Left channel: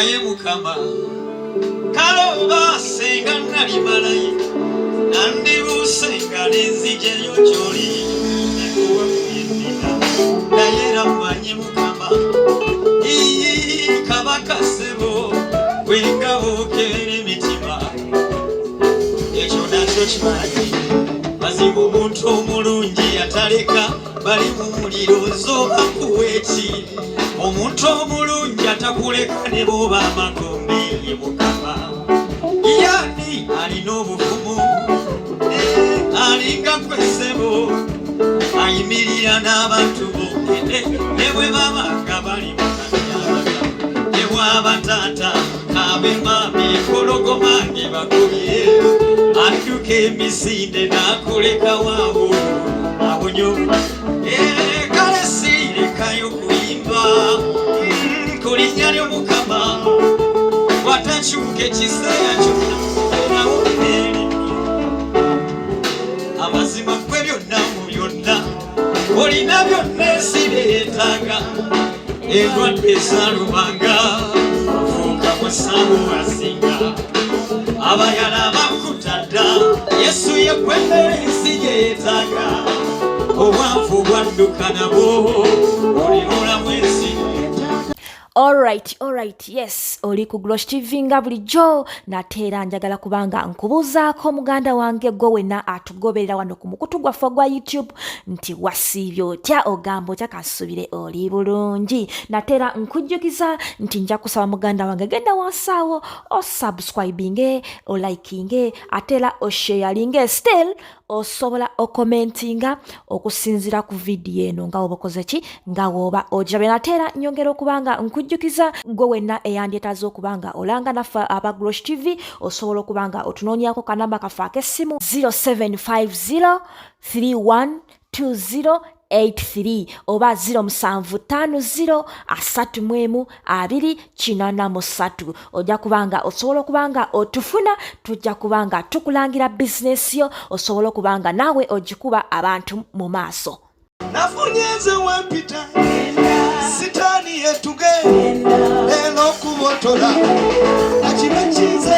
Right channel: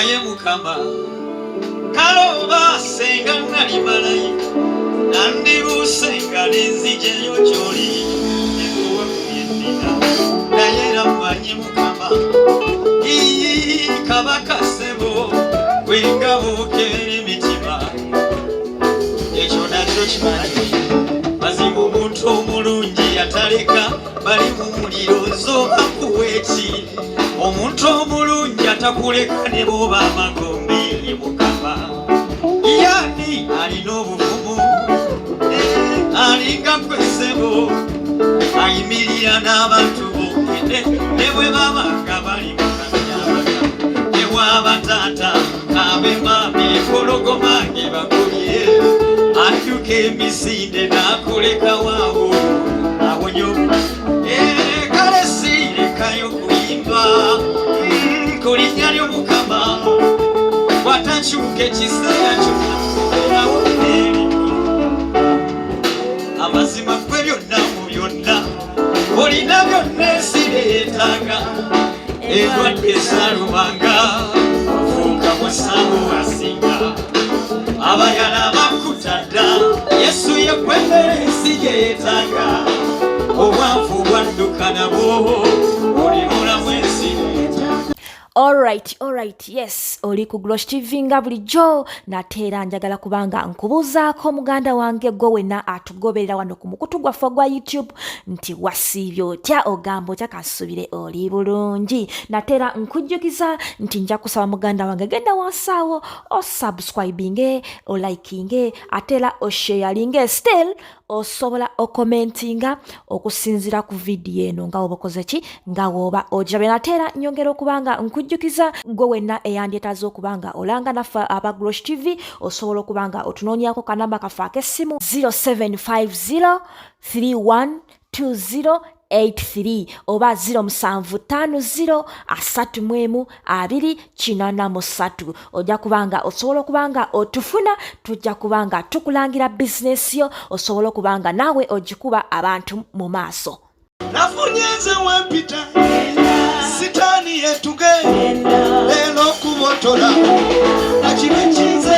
naye mukama kaloba senga nali malayika nandibuuse nga nenzije ly'okyoli naye ramanyi mukama kabaka ssebo wengabo keri emitima ekyo nakyo kimanyi mazibu omuntu omulungi ataleka bali mu muliro nzooba kuweeki omuntu omulungi atakuleka ne booba amagombe mukama yani alina obuvumu alinga kwesebo ayimirira n'abantu ne bwe baba nga bali ne bwaba taata ab'emama empologoma bakubye adduka emisinde n'akoleka wangu abonye kale siirekayo kuyimba ku linnya ly'omukama watakyuka ekiseera kyonna amazima gwe byonna mu byonna olina byonna ensi byetaaga endwadde zaalumanga fuuka musango asinga abayala bakutadda yesu yekwembera ensi gyeyetaaga obwavu bwadduka nabwo olibulamu ensi. Alright, yes, oli ku Glosh TV nga bulijjo nateera njagala kubanga nkubuzaako muganda wange gwe wenna atugoberera wano ku mukutu gwaffe gwa YouTube nti wasiibye otya ogamba otya kasubire oli bulungi. Nateera nkujjukiza nti nja kusaba muganda wange genda wansaawo osubscribinge olikinge ateera osharinge still osobola okomentinga okusinzira ku video eno nga woba okoze ki nga woba ojabe. Nateera nyongera okubanga nkujjukiza gwe wenna eyandyetaaza okubanga olanga naffe aba Glosh TV osobola okubanga otunoonyako kanamba kaffe ak'essimu 0750312083 oba 0750312083 ojja kubanga osobola okubanga otufuna tujja kubanga tukulangira bizinesi yo osobola okubanga naawe ogikuba abantu mu maaso. Nafunyenze wempita sitani yetuge leno kubotola nakimekinze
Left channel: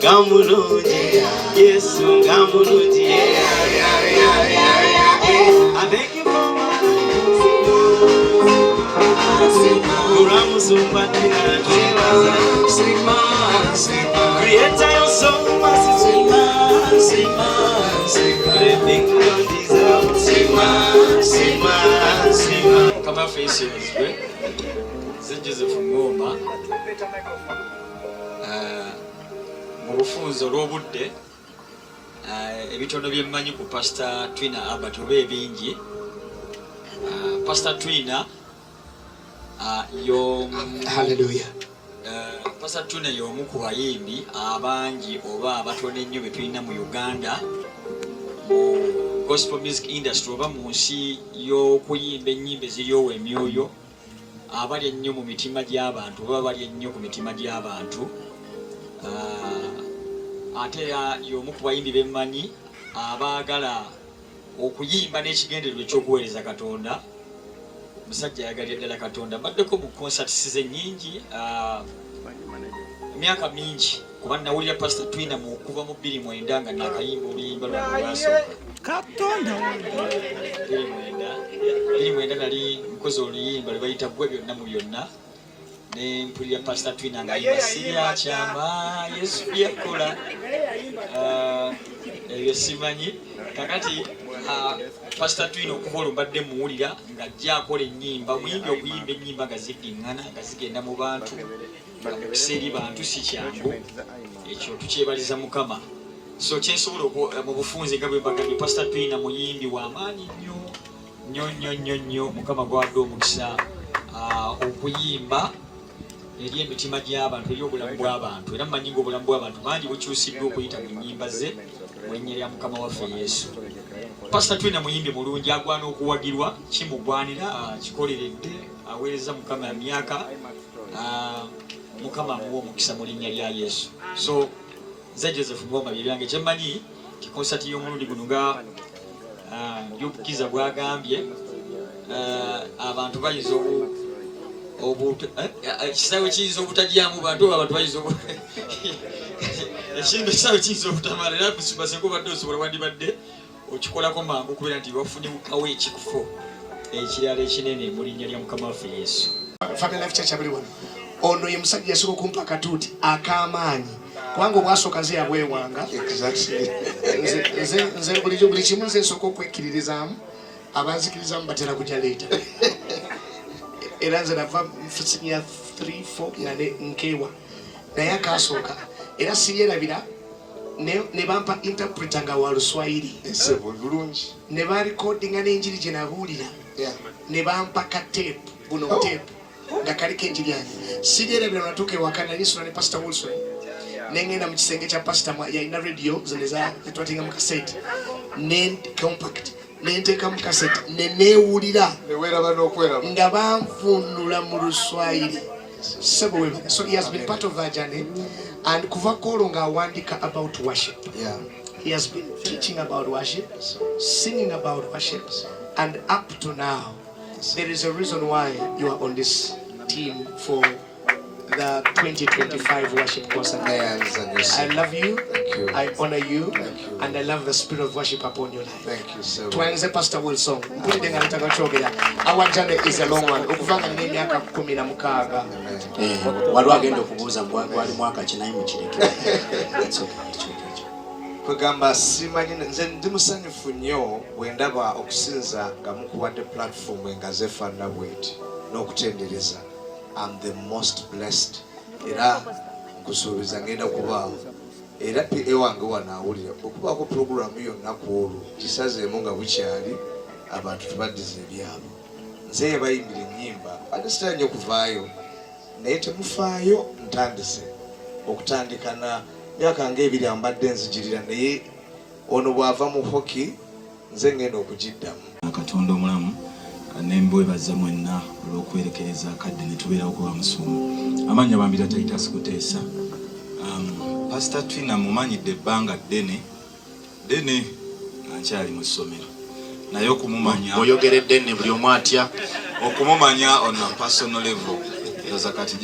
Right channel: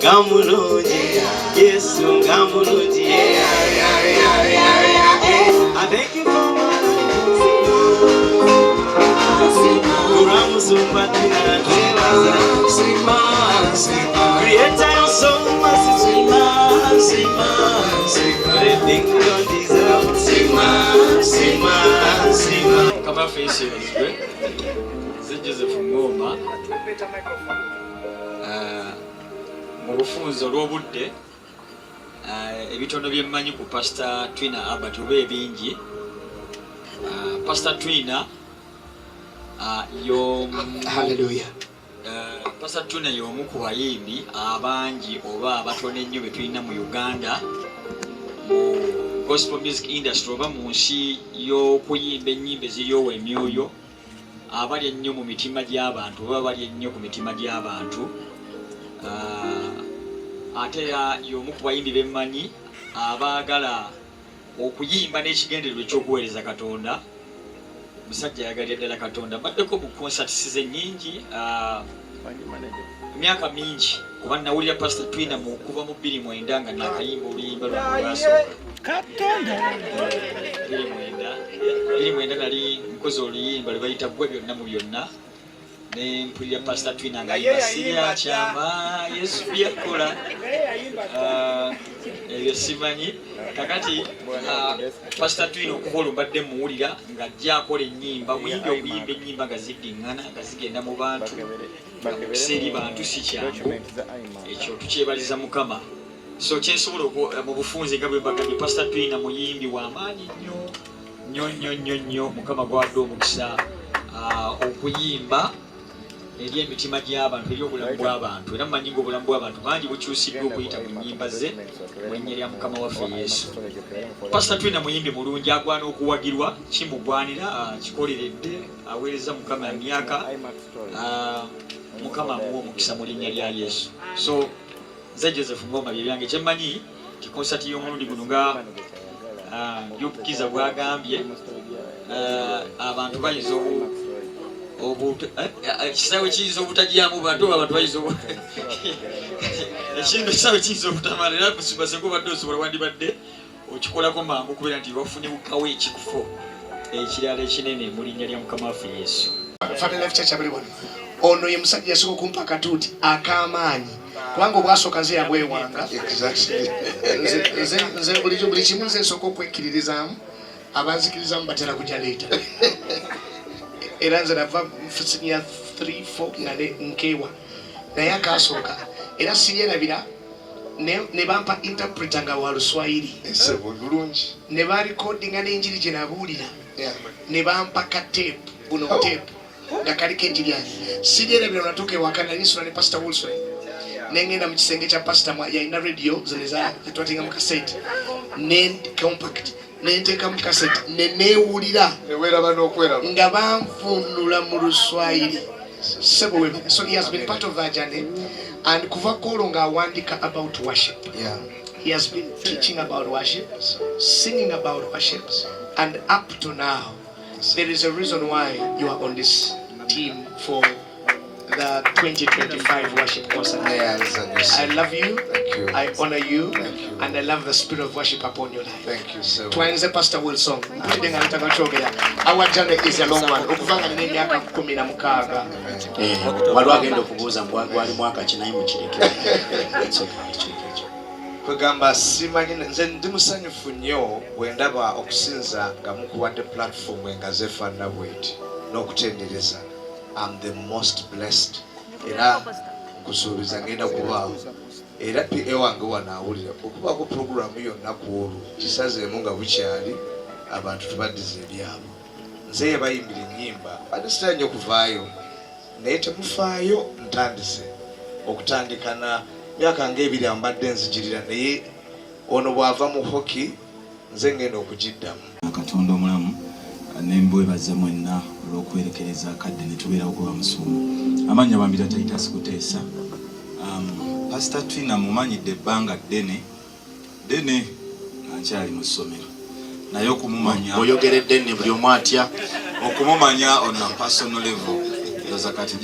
Gamulungi, Yesu Gamulungi, I thank you for my Creator, you're so everything we don't deserve. Come on, face it. C'est Joseph Ngoma. Mu bufunzo olw'obudde ebitono byemmanyi ku Pastor Twina Albert oba ebingi. Pastor Twina Hallelujah. Pastor Twina y'omu ku bayimbi abangi oba abatono ennyo be tulina mu Uganda mu gospel music industry oba mu nsi y'okuyimba ennyimba eziryowa emyoyo abali ennyo mu mitima gy'abantu oba bali ennyo ku mitima gy'abantu. Ate y'omu ku bayimbi bemmanyi abaagala okuyimba n'ekigendererwa eky'okuweereza Katonda. Musajja yagalira ddala Katonda. Baddeko mu concerts ennyingi emyaka mingi kuba nawulira Pastor Twina mu kuva mu 2009 nga nakayimba oluyimba lwasooka Katonda 2009 nali mukozi oluyimba lwe bayita Gwe Byonna mu Byonna ne mpulira Pastor Twina nga yimba sirya kyama Yesu byakola ebyo simanyi kakati Pastor Twino okukola mbadde muwulira ng'ajja akola ennyimba muyimbi okuyimba ennyimba nga ziddiŋŋana nga zigenda mu bantu nga mu kiseeri bantu si kyangu ekyo tukyebaliza Mukama. So kyensobola mu bufunze nga bwe bagambye Pastor Twino muyimbi w'amaanyi nnyo Mukama gwadde omukisa okuyimba eri emitima gy'abantu eri obulamu bw'abantu era mumanyi ng'obulamu bw'abantu bangi bukyusiddwa okuyita mu nnyimba ze mu linnya lya Mukama waffe Yesu. Pastor Twino muyimbi mulungi agwana okuwagirwa kimugwanira kikoleredde aweereza Mukama emyaka Mukama amuwa omukisa mu linnya lya Yesu. So nze Joseph Ngoma bye byange kyemmanyi kikonsati y'omulundi guno nga by'obukiza bwagambye abantu bayinza ekisaawe kiyinza obutajyamu bantu abantu bayinza ekintu ekisaawe kiyinza obutamala era musibaseko badde osobola wandibadde okikolako mangu okubeera nti wafunibwawo ekikufo ekirala ekinene mu linnya lya Mukama waffe Yesu. Ono ye musajja yasooka okumpa akatuuti ak'amaanyi kubanga obwasooka nze yabwewanga nze buli kimu nze nsooka okwekkiririzaamu abanzikirizamu batera kujja leeta era nze nava ya 3-4 nga nkeewa naye akaasooka era siryerabira ne bampa interpreter nga wa Luswayiri ne barikodinga n'enjiri gye nabuulira ne bampa kateepu buno teepu nga kaliko enjiri yange siryerabira natuuka ewaka nalisula ne Pastor Wilson nengenda mu kisenge kya Pastor yalina radio zetwatenga mu kaseti ne compact nenteeka mu kaseti neneewulira nga banvunula mu Luswayiri. So he has been part of that journey and kuva kolo nga awandika about worship. He has been teaching about worship, singing about worship, and up to now there is a reason why you are on this team for the 2025 worship concert. I love you, I honor you, and I love the spirit of worship upon your life. Thank you so much. Twanze Pastor Wilson. Our journey is a long one. Okuvanga n'emyaka 16. Waliwo agenda okubuuza gwali mwaka kinayi mu kireke. Kugamba simanyi nze ndi musanyufu nnyo bwe ndaba okusinza nga mukuwadde platform nga zefaanana bweti n'okutendereza. I'm the most blessed. Era nkusuubiza ngenda kubaawo. Era ewange wanaawulira okubaako puroguramu yonna ku olwo kisazeemu nga bukyali abantu tebaddiza ebyabo. Nze yebayimbira ennyimba ate sitera nnyo okuvaayo naye temufaayo ntandise okutandika na myaka ng'ebiri mbadde nzijirira naye ono bw'ava mu hockey nze ngenda okugiddamu. Katonda omulamu nembwebaza mwenna olw'okwerekereza kadde ne tubeerawo kuba musumba. Amannya bambira Titus Kuteesa. Pastor Twino mumanyidde ebbanga ddene nkyali mu ssomero naye okumumanya oyogeredde ne buli omu atya okumumanya on a personal level ndoza kati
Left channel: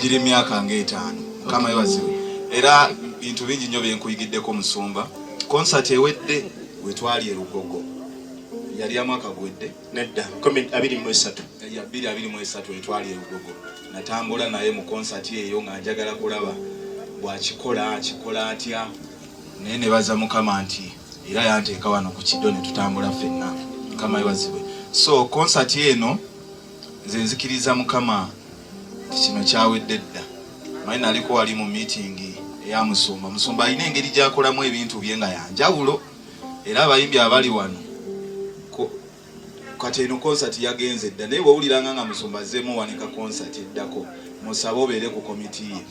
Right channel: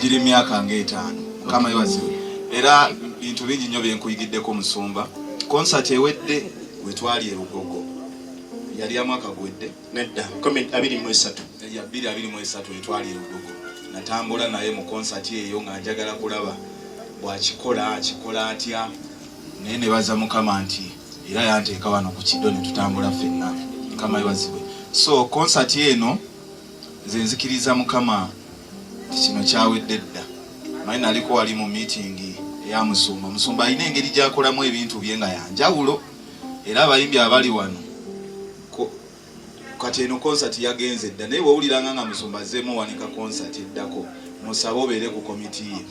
giri myaka ng'etaano Mukama yebaziwe era bintu bingi nnyo byenkuyigiddeko musumba. Concert ewedde wetwali e Lugogo yali amwaka gwedde nedda 2023 wetwali e Lugogo natambula naye mu concert eyo nga njagala kulaba bw'akikola atya naye ne baza Mukama nti era yanteeka wano ku kiddo ne tutambula ffenna. Mukama yebaziwe. So concert eno nze nzikiriza Mukama kino kyawedde dda. Manyi naliko wali mu meeting eya musumba alina engeri gy'akolamu ebintu bye nga yanjawulo era abayimbi abali wano kati eno concert yagenze dda naye bw'owuliranga nga musumba azzeemu wanika concert eddako musabe obeere ku komiti ye.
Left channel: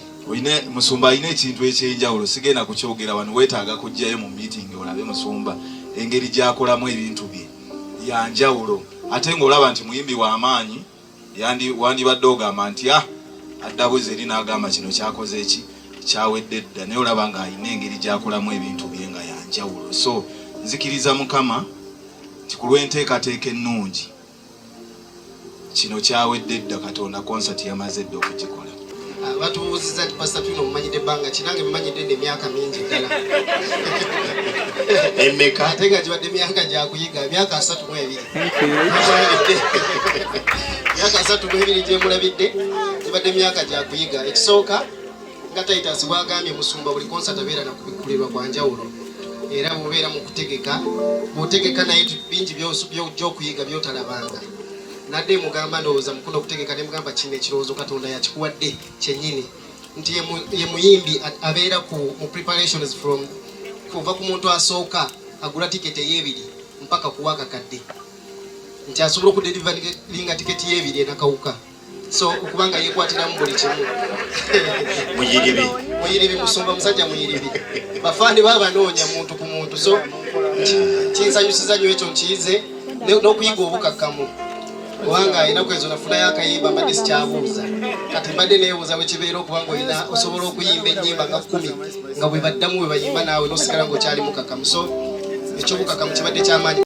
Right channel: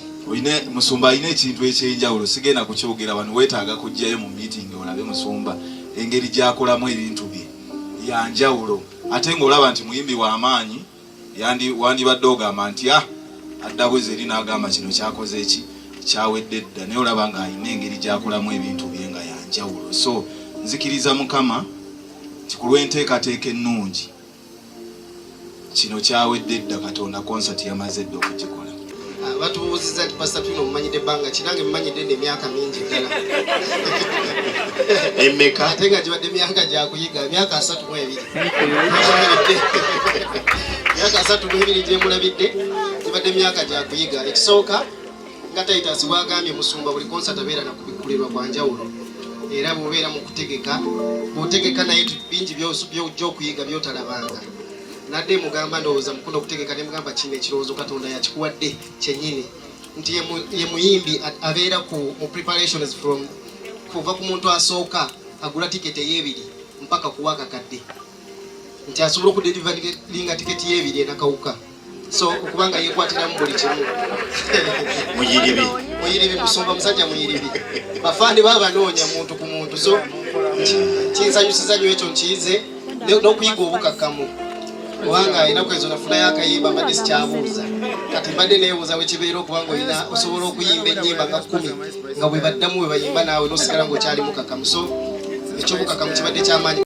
Musumba alina ekintu ekyenjawulo sigenda kukyogera wano weetaaga kujjayo mu meeting olabe musumba engeri gy'akolamu ebintu bye yanjawulo ate ng'olaba nti muyimbi w'amaanyi wandibadde ogamba nti adda bwezi eri n'agamba kino kyakoze eki kyawedde dda naye olaba ng'alina engeri gy'akolamu ebintu bye nga yanjawulo. So nzikiriza Mukama nti ku lw'enteekateeka ennungi kino kyawedde dda Katonda concert yamaze dda okugikola. Batubuuzizza nti Pastor Twino mumanyidde ebbanga kinange mumanyidde emyaka mingi ddala. Emmeka ate nga gibadde myaka gyakuyiga myaka 32. Myaka 32 gyemulabidde gibadde myaka gyakuyiga. Ekisooka nga Titus bwagambye musumba buli concert abeera nakubikkulirwa kwa njawulo era bw'obeera mu kutegeka bw'otegeka naye bingi by'okuyiga by'otalabanga nadde mugamba ndowooza mukunda okutegeka ne mugamba kino ekirowoozo Katonda yakikuwadde kyennyini nti ye muyimbi abeera mu preparations from kuva ku muntu asooka agula tiketi ey'ebiri mpaka kuwa akakadde nti asobola okudelivalinga tiketi y'ebiri enakawuka so okubanga yekwatiramu buli kimu muyiribi musumba musajja muyiribi bafaani babanoonya muntu ku muntu so kinsanyusiza nnyo ekyo nkiyize n'okuyiga obukakkamu kubanga ennaku ezo nafunayo akayimba mbadde sikyabuuza kati mbadde neebuuza bwe kibeera okubanga olina osobola okuyimba ennyimba nga 10 nga bwe baddamu bwe bayimba naawe n'osigala ng'okyali mukakkamu so ekyobukakkamu kibadde kyamaanyi